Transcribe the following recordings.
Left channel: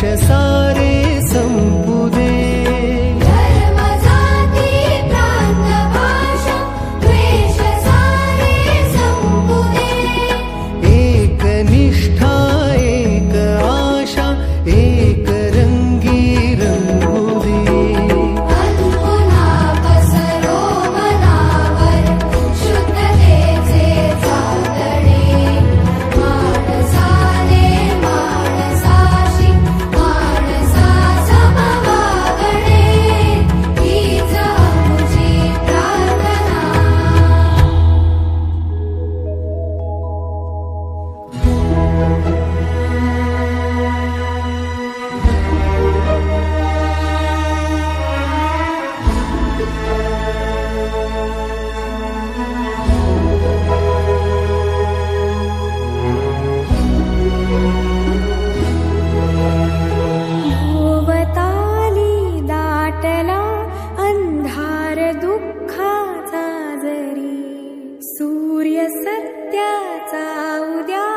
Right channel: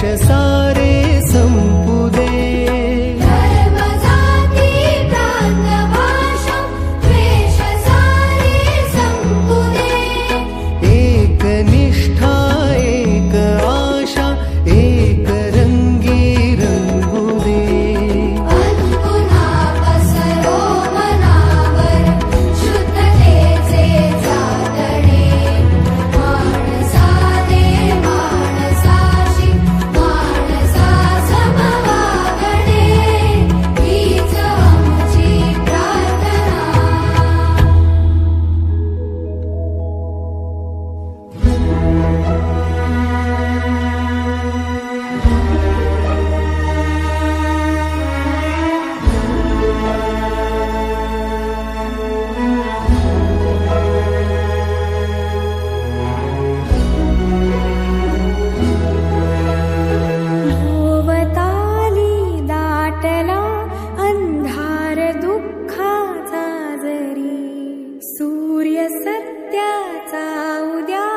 सारे सम्पुदे सूर्य सत्याचा उद्या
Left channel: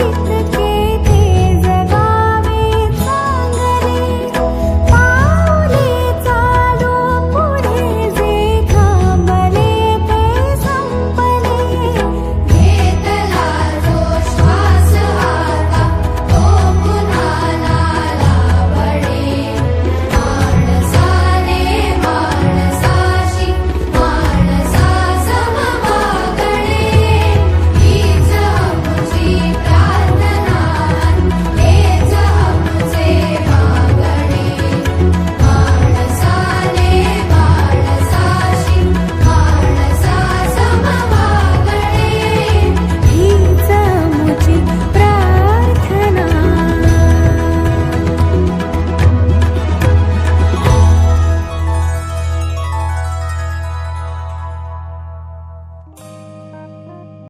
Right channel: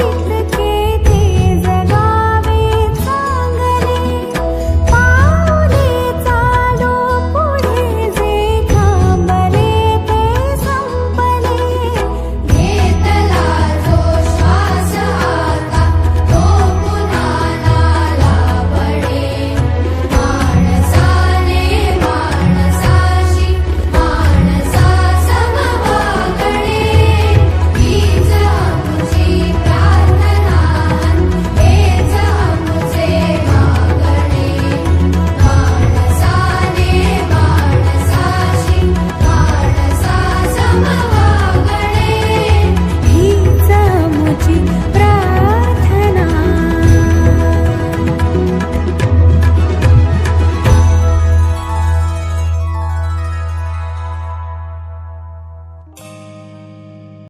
you.